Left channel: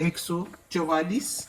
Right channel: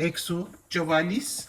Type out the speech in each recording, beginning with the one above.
144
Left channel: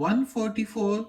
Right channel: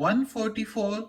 144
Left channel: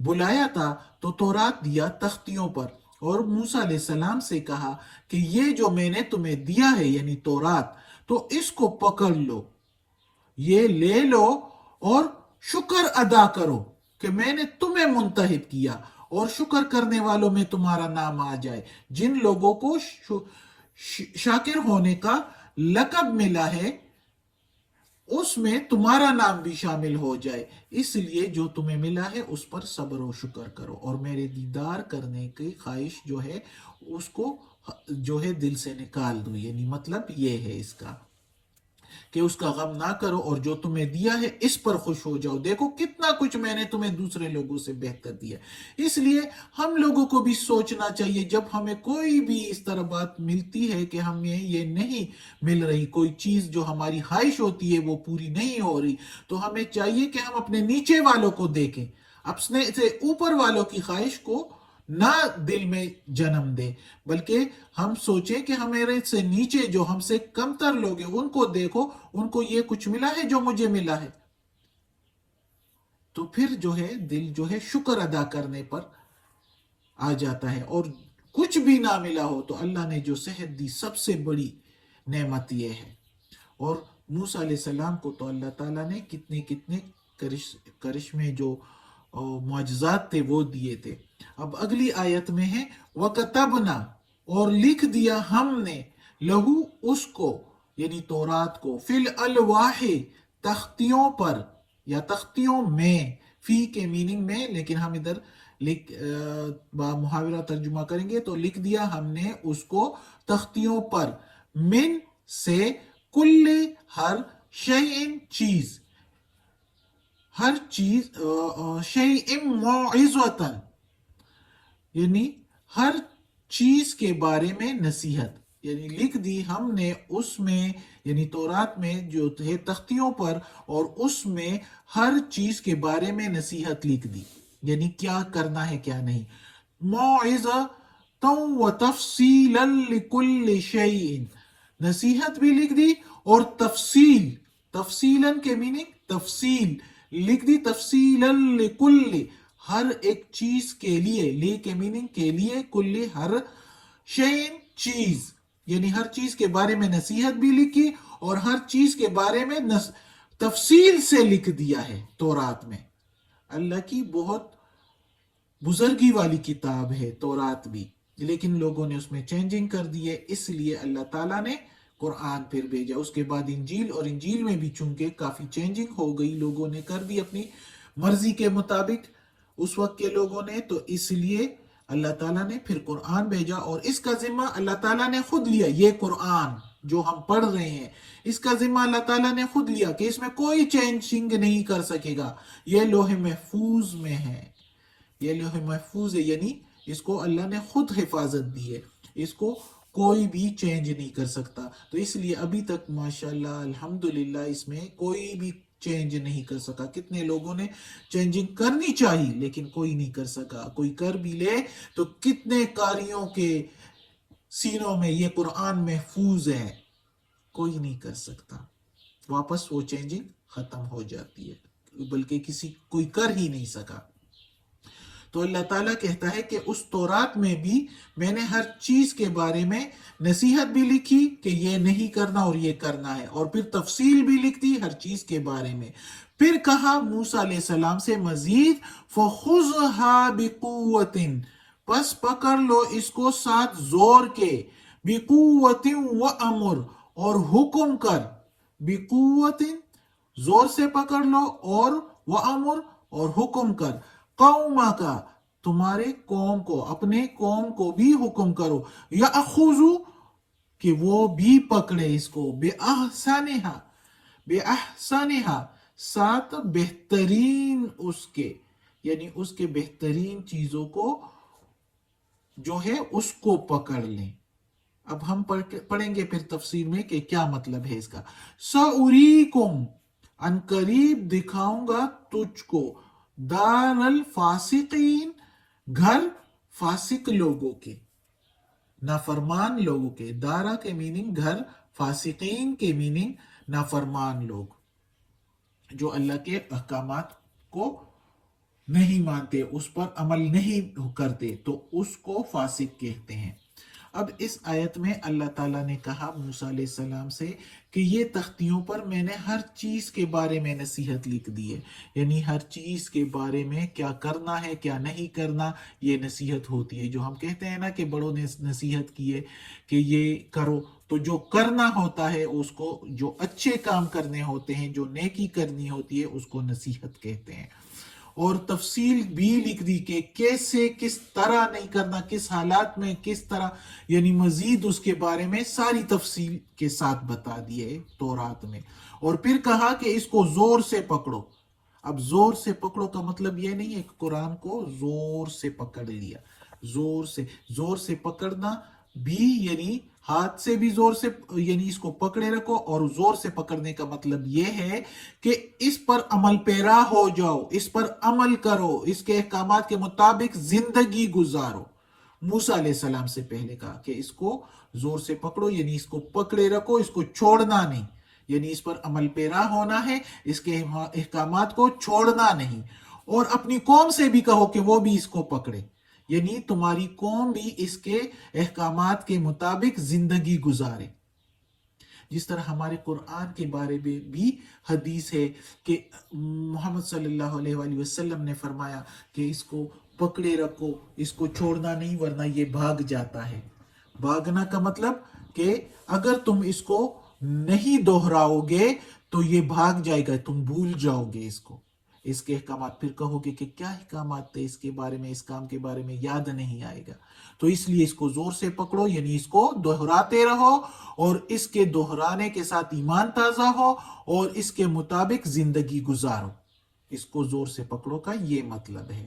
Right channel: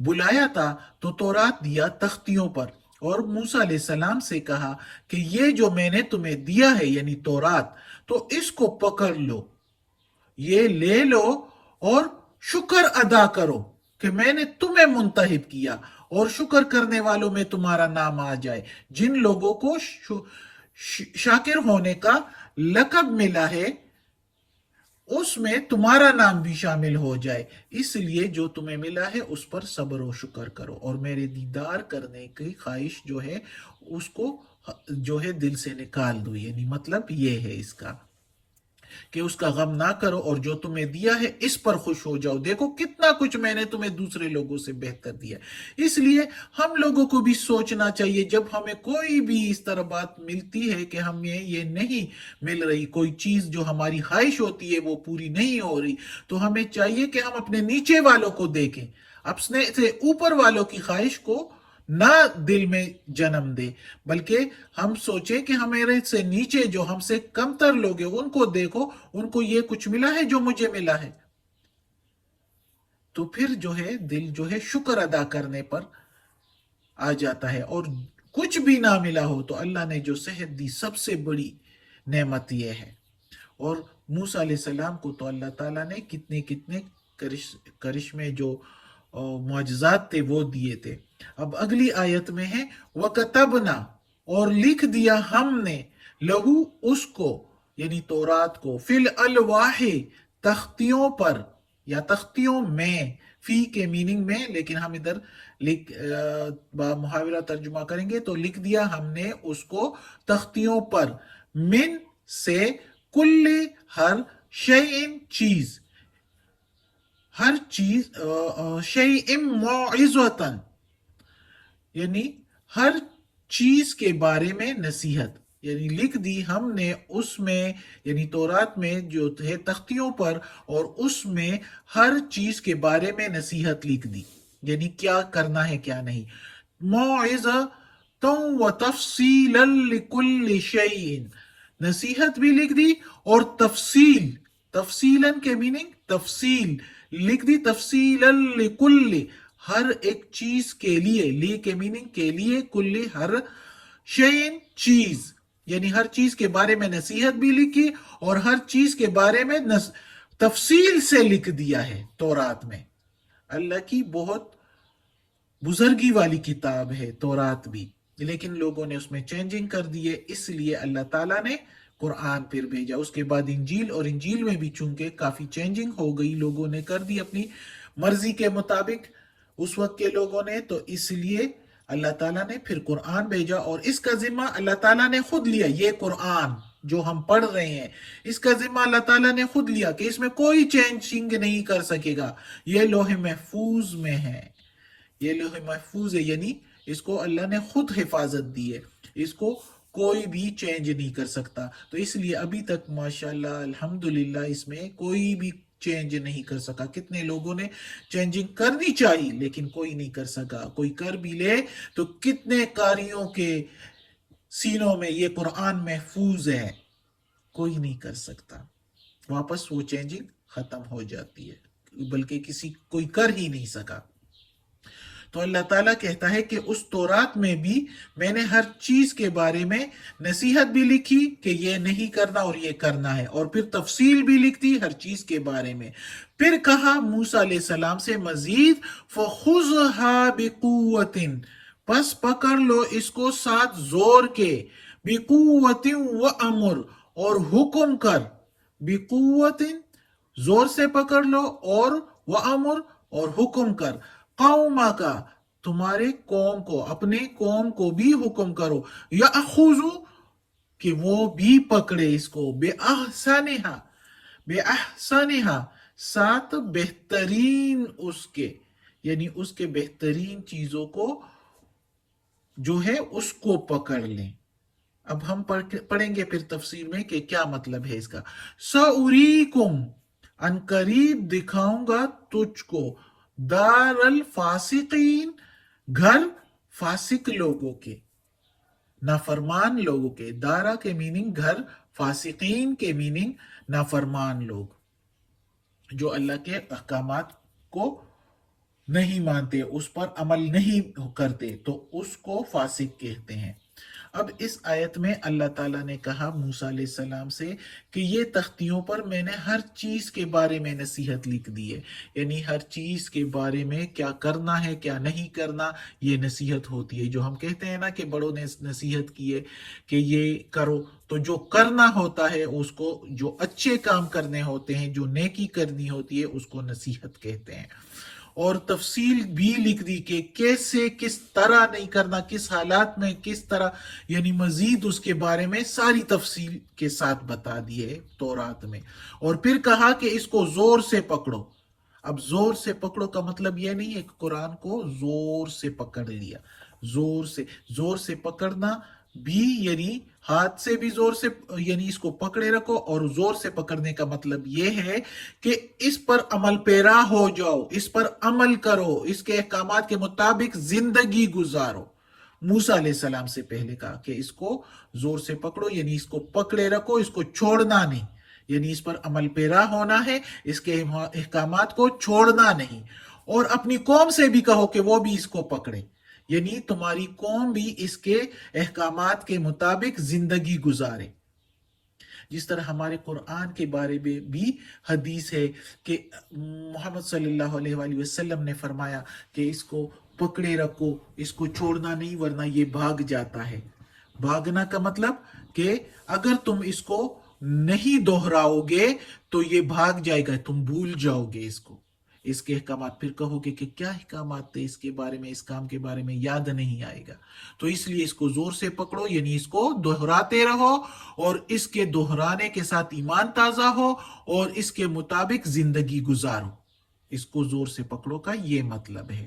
بلایا تھا تو تورات دیا تختیوں پر، اور موسیٰ علیہ السلام سے کہا کہ یہ جو میں نے تمہیں دیا ہے یعنی تورات، تو اس کو پکڑ لو، یہ لے لو اور شکر ادا کرو کہ میں نے تمہیں منتخب کیا، اور شکر کرنے والوں میں تمہارا نام آ جائے، جن لوگوں کو شاکر ہونے کا لقب ملا ہے اس میں تمہارا نام بھی شامل ہو جائے، اس لیے جو تمہیں ملا ہے اس پر صبر و شکر کرو، اور میرے دیدار کرنے کی خواہش جو ہے اس کو جو ہے دل سے نکال دو، یعنی مطلب یہ ہے اس کا کہ اس کا غم نہ کرو، اور جو تمہیں دیا ہے اس پر خوش ہو جاؤ، دیکھو کتنا کچھ میں نے تمہیں دوسرے لوگوں سے بہتر دیا۔ اس لیے ہم لوگوں کو بھی سوچنا چاہیے جب ہمیں کوئی بھی اس طرح بات ملتی ہے کہ ہمیں یہ نہیں مل رہی، کوئی چیز جو ہماری خواہش ہوتی ہے وہ پوری نہیں ہو رہی، تو ہمیں چاہیے کہ ہم اپنے نیچے والوں کو دیکھیں، اپنے سے اوپر والوں کی خواہش کو نہ دل میں جنم دے، بلکہ ہم سوچیں کہ ہمارے سے نیچے جو ہم سے کمتر لوگ ہیں ان کو دیکھو، ان کو یہ کچھ ملا ہے جو مجھے ملا ہے، تو پھر جو ہے دل جو ہے شکر ادا کرنے پر آ جاتا ہے۔ اور کچھ بھی نہ ملا ہو تو اللہ نے جو صحت دی سب سے بڑی نعمت یہ ہے۔ اور موسیٰ علیہ السلام کو تو اللہ تعالیٰ نے کتنے کتنے کرشمے جو معجزات تھے وہ دیے تھے۔ اب اگلی آیت میں ہے وَكَتَبْنَا، اور لکھ دیا ہم نے، لہو اس کو یعنی تورات کو، فی الالواح تختیوں پر یا تختیوں میں، فی کے میننگ میں، لیکن ہم ادھر محاورہ ترجمہ کریں گے تو لکھ دیا ہم نے اس کو تختیوں پر، من سے، کل ہر، شیئن چیز، ہر چیز، شیئن موعظتاً یعنی ہر چیز کے بارے میں نصیحت، یعنی لکھ دی ہم نے اس میں یعنی تورات میں جو ہے تختیوں پر، اور اس میں ہر چیز کے بارے میں نصیحت لکھ دی، یعنی کیا کرنا ہے کیا نہیں، موعظۃ و تفصیلا لکل شیء، نصیحت بھی لکھ دی اور تفصیل، تفصیلا کے میننگ تفصیل لکھ دی، تفصیلا لکل ہر ایک چیز کے لیے، لے کے میننگ کے لیے، کل ہر شیئن چیز، یعنی ہر چیز کے بارے میں نصیحت بھی لکھی اور ہر چیز کے بارے میں تفصیل سے لکھ دیا ہے تورات میں۔ اللہ کی بہت بزرگی والی کتاب ہے تورات بھی، لیکن لوگوں نے اس میں چینجنگ کر دیے، اس لیے اللہ تعالیٰ نے قرآن پھر بھیجا۔ اس کے بعد انجیل، اور انجیل میں بھی چونکہ کافی چینجنگ ہو گئی، لوگوں نے کر دی اپنی مرضی کے مطابق اس وقت کے لوگوں نے، تو اس لیے اللہ تعالیٰ نے پھر قرآن بھیجا، اور اس کا ذمہ اللہ تعالیٰ نے خود لیا، یہ قرآن جو ہم پڑھ رہے ہیں اس کا ذمہ اللہ تعالیٰ نے خود لیا کہ اس میں کوئی چینجنگ نہیں کر سکے گا، یہ لوح محفوظ میں ہے، یہ لوح محفوظ ہے، یعنی اس کو اللہ نے خود حفاظت دی ہے، اس کو کوئی بھی چینج نہیں کر سکتا، تو اس لیے ابھی تک ماشاءاللہ الحمدللہ اس میں کوئی بھی چینج نہیں کر سکا۔ کتنے لوگوں نے چینجنگ کرنی چاہیے لیکن کوئی نہیں کر سکا، کوئی کر بھی لے تو کتنے کاریوں کے سینوں میں یہ قرآن محفوظ ہے، کوئی نہیں کر سکتا، واپس وہ چینجنگ ختم ہو جاتی ہے، بلکہ کوئی کر ہی نہیں سکا۔ تو اللہ تعالیٰ کہتا ہے کہ اس تورات میں بھی میں نے ہر چیز کے بارے میں نصیحت بھی لکھی کہ یہ نہیں کرنا اور یہ کرنا ہے، اور پھر تفصیل بھی لکھ دی ہر چیز کے بارے میں۔ پھر کہا موسیٰ علیہ السلام سے مزید فَخُذْهَا بِقُوَّةٍ، پس پکڑ لو اس کو ساتھ زور کے، بِقُوَّةٍ وَأَمُرْ، اور حکم کر، بِقُوَّةٍ زور سے پکڑ لو، اور وَأَمُرْ اور حکم کر، قوما کا تمہارے قوم کو، اپنے قوم کو بھی حکم کرو، یأخذو کہ وہ بھی پکڑے اس کو، بِأَحْسَنِهَا، بِأَحْسَنِهَا ساتھ بہترین اس کے، یعنی اس کے بہترین چیزوں کو جو ہے اس کو پکڑ لیں۔ اب ہم پڑھیں گے پھر تفسیر میں کہ کیا مطلب ہے اس کا۔ سَأُرِيكُمْ ان قریب دکھاؤں گا تجھ کو، دار الفاسقین گھر فاسق لوگوں کے، نافرمان لوگوں کے، دارا کے میننگ گھر، فاسقین کے میننگ نافرمان لوگ جو اللہ کے احکامات کو نہیں مانتے، اس پر عمل نہیں کرتے تو اس کو فاسق کہتے ہیں۔ اب اس آیت میں اللہ تعالیٰ نے کہا موسیٰ علیہ السلام سے کہ یہ تختیوں پر میں نے ہر چیز کے بارے میں نصیحت لکھ دی ہے، یعنی ہر چیز کے بارے میں کیا کرنا ہے کیا نہیں کرنا، یہ نصیحت ہوتی ہے۔ جو ہم کہتے ہیں نا کہ بڑوں نے نصیحت کی ہے کہ یہ کرو، تو جو کرنا ہوتا ہے اس کو، جو اچھے کام کرنے ہوتے ہیں، جو نیکی کرنی ہوتی ہے اس کو نصیحت کہتے ہیں۔ اور تفصیل بھی لکھ دی کہ کیسے، کس طرح نہیں کرنا، کس حالات میں کس طرح، یعنی مزید اس کے بارے میں ساری تفصیل کے ساتھ بتا دی ہے تورات میں۔ اور پھر کہا کہ اس کو زور سے پکڑو۔ اب زور سے پکڑو کا مطلب یہ نہیں ہے کہ قرآن کو زور سے پکڑ لیا، زور سے پکڑنا بھی یعنی ہاتھ سے بھی زور سے، یعنی اس کو پکڑے رکھو، اور زور سے پکڑنے کا مطلب یہ ہے کہ اس پر عمل پیرا ہو جاؤ، اس پر عمل کرو، اس کے احکامات کے مطابق زندگی گزارو۔ موسیٰ علیہ السلام سے پہلے کہا کہ اس کو زور سے پکڑو، یعنی اس کو پکڑے رکھو، اس کو چھوڑنا نہیں، یعنی اس پر عمل پیرا ہونا ہے، اس کے احکامات کو چھوڑنا نہیں۔ اور اپنی قوم سے بھی کہو کہ وہ بھی اس کو پکڑے، یعنی تمہاری قوم بھی اس کے احکامات کے مطابق زندگی گزارے۔ جس طرح ہمارے قرآن کے بارے میں بھی حدیث ہے کہ محمد صلی اللہ علیہ وآلہ وسلم نے فرمایا کہ اس کو پکڑے رکھو، اس کو چھوڑنا نہیں ورنہ یہ بھاگ جاتا ہے۔ بھاگنا کا مطلب کہ اگر تم اس کو نہیں دہراؤ گے تو یہ بھاگ جائے گا، تم بھول جاؤ گے اس کو، اس کے احکامات۔ پھر کہو گے کہ کیا احکامات تھے اس کے بارے میں، اس کام کے بارے میں یاد نہیں آئے گا۔ تو اس لیے اس کو زور سے پکڑو، یعنی اس کو دہراتے رہو، اور اس کے دہرانے کے ساتھ ایمان تازہ ہو، اور اس کے مطابق زندگی گزارو۔ اس کو زور سے پکڑو کا یہ مطلب ہے۔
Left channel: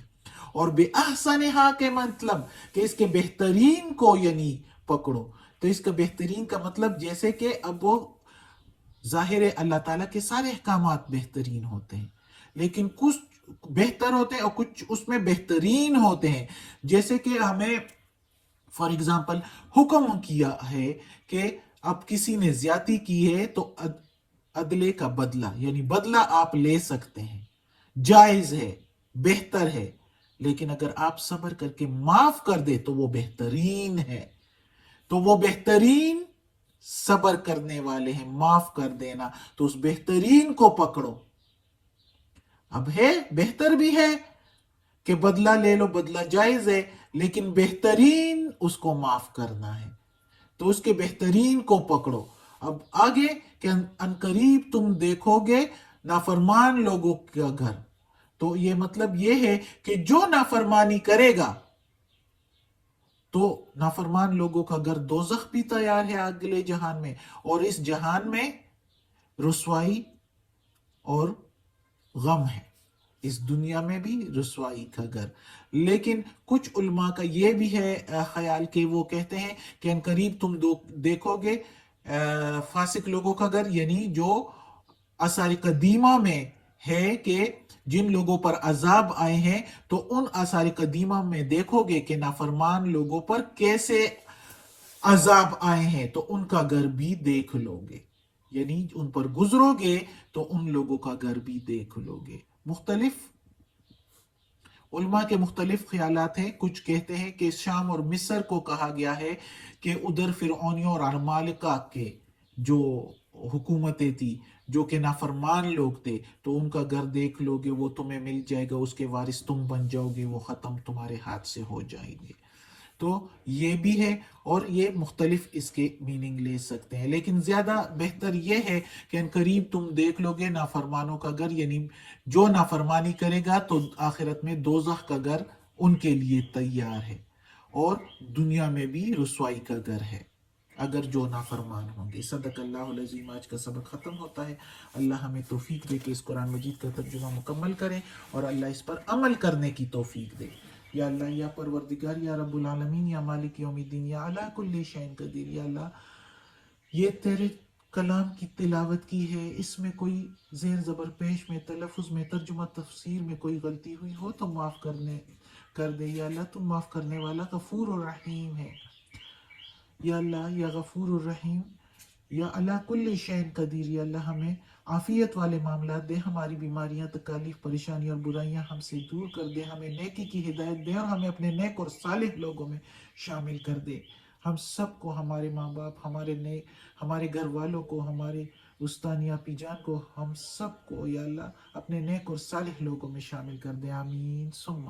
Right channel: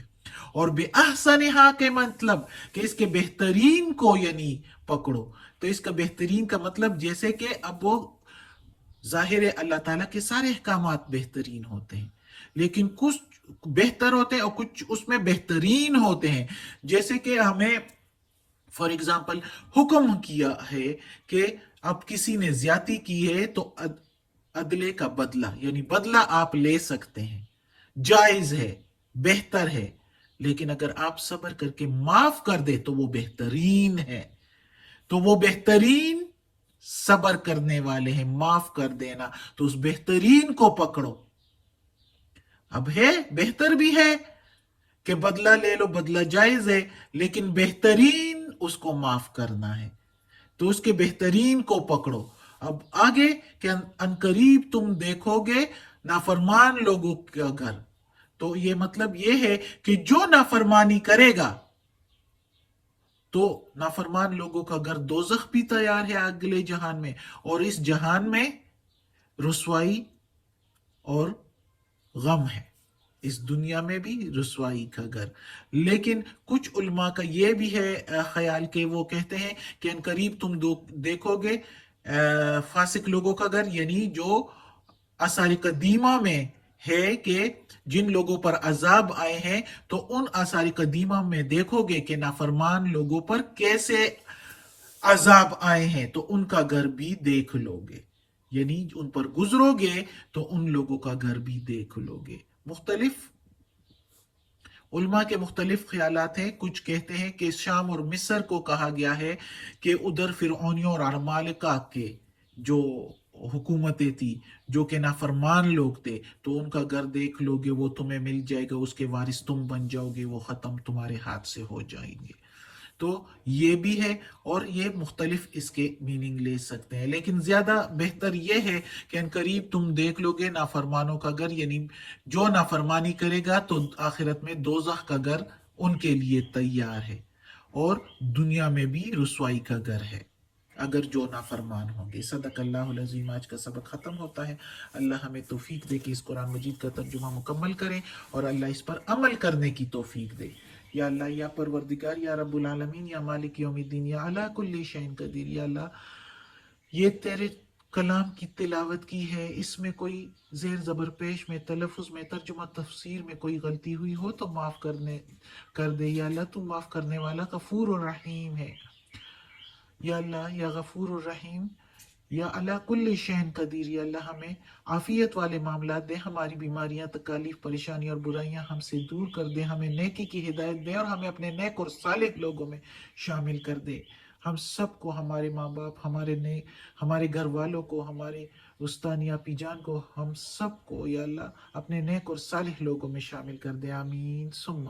اور بے احسنہا کے مطلب کہ اس کے بہترین کو یعنی پکڑو۔ تو اس کا بہترین کا مطلب جیسے کہ اب وہ ظاہر ہے اللہ تعالیٰ کے سارے احکامات بہترین ہوتے ہیں، لیکن کچھ بہتر ہوتے ہیں اور کچھ اس میں بہترین ہوتے ہیں۔ جیسے کہ ہمیں فار ایگزامپل حکم کیا ہے کہ اب کسی نے زیادتی کی ہے تو عدلے کا بدلہ، یعنی بدلہ آپ لے سکتے ہیں، جائز ہے، بہتر ہے۔ لیکن اگر آپ صبر کر کے معاف کر دے تو وہ بہترین ہے۔ تو وہ بہترین صبر کرنے والے ہیں، معاف کر دینا، تو اس بہترین کو پکڑو۔ اب ہے بہتر بھی ہے کہ بدلہ لے لو، بدلہ جائز ہے، لیکن بہترین اس کو معاف کرنا ہے، تو اس کے بہترین کو پکڑو۔ اب آگے کہ عنقریب تم دیکھو گے نافرمان لوگوں کا گھر، تو یہ مطلب یہ ہے کہ جو نافرمانی کرے گا تو نافرمان لوگوں کا گھر دوزخ بھی تیار ہے اگلے جہان میں، اور اس جہان میں رسوائی اور غم ہے، اس دنیا میں بھی رسوائی کا گھر۔ لیکن کچھ علماء کا یہ بھی ہے خیال کہ وہ کہتے ہیں کہ عنقریب تم دیکھو گے فاسق لوگوں کا گھر، یعنی جو آثار قدیمہ میں ہے کہ جن لوگوں پر عذاب آئے ہیں، تو ان آثار قدیمہ میں دیکھو گے کہ نافرمان لوگوں پر کیسے عذاب آئے ہیں، تو ان کا گھر بھی دیکھ لو گے، یعنی ان پر گزرو گے تو ان لوگوں کا گھر بھی دیکھ لو گے۔ مختلف علماء کے مختلف خیالات ہیں۔ کچھ کہتے ہیں کہ شام اور مصر کو کہا گیا ہے کہ ادھر فرعونیوں اور عمالقہ کے جو حکومتیں تھی، جو کہ نافرمان لوگ تھے، تو ان کا گھر دیکھ لو گے، وہ تمہیں مل جائے گا، اس کے وارث تم بن جاؤ گے، وہ ختم تمہارے ہاتھ سے ہو جائیں گے۔ تو یہ بھی ہے، اور یہ مختلف اس کے میننگ لے سکتے ہیں، لیکن زیادہ بہتر یہ ہے کہ عنقریب تم دیکھ لو گے نافرمانوں کا گھر، یعنی جو نافرمانی کرے گا تو آخرت میں دوزخ کا گھر ان کے لیے تیار ہے، اور دنیا میں بھی رسوائی کا گھر ہے اگر جو نافرمان ہوں گے۔ صدق اللہ العظیم۔ آج کا سبق ختم ہوتا ہے۔ اللہ ہمیں توفیق دے کہ اس قرآن مجید کا ترجمہ مکمل کریں، اور اللہ اس پر عمل کرنے کی توفیق دے۔ یا اللہ، یا پروردگار، یا رب العالمین، یا مالک یوم الدین، یا علی کل شیء قدیر، یا اللہ یہ تیرے کلام کی تلاوت کی ہے، اس میں کوئی زیر زبر پیش میں، تلفظ میں، ترجمہ تفسیر میں کوئی غلطی ہوئی ہو تو معاف کر دے۔ یا اللہ تم معاف کرنے والا غفور اور رحیم ہے۔ یا اللہ، یا غفور الرحیم، یا اللہ کل شین قدیر، یا اللہ ہمیں عافیت والے معاملات دے، ہماری بیماریاں، تکالیف، پریشانی اور برائیاں ہم سے دور کر دے، ہمیں نیکی کی ہدایت دے اور ہمیں اپنے نیک اور صالح لوگوں میں شامل کر دے۔ ہم سب کو، ہمارے ماں باپ، ہمارے گھر والوں کو، ہمارے استانی اپی جان کو، ہم سب کو یا اللہ اپنے نیک اور صالح لوگوں میں شامل کر دے، آمین ثم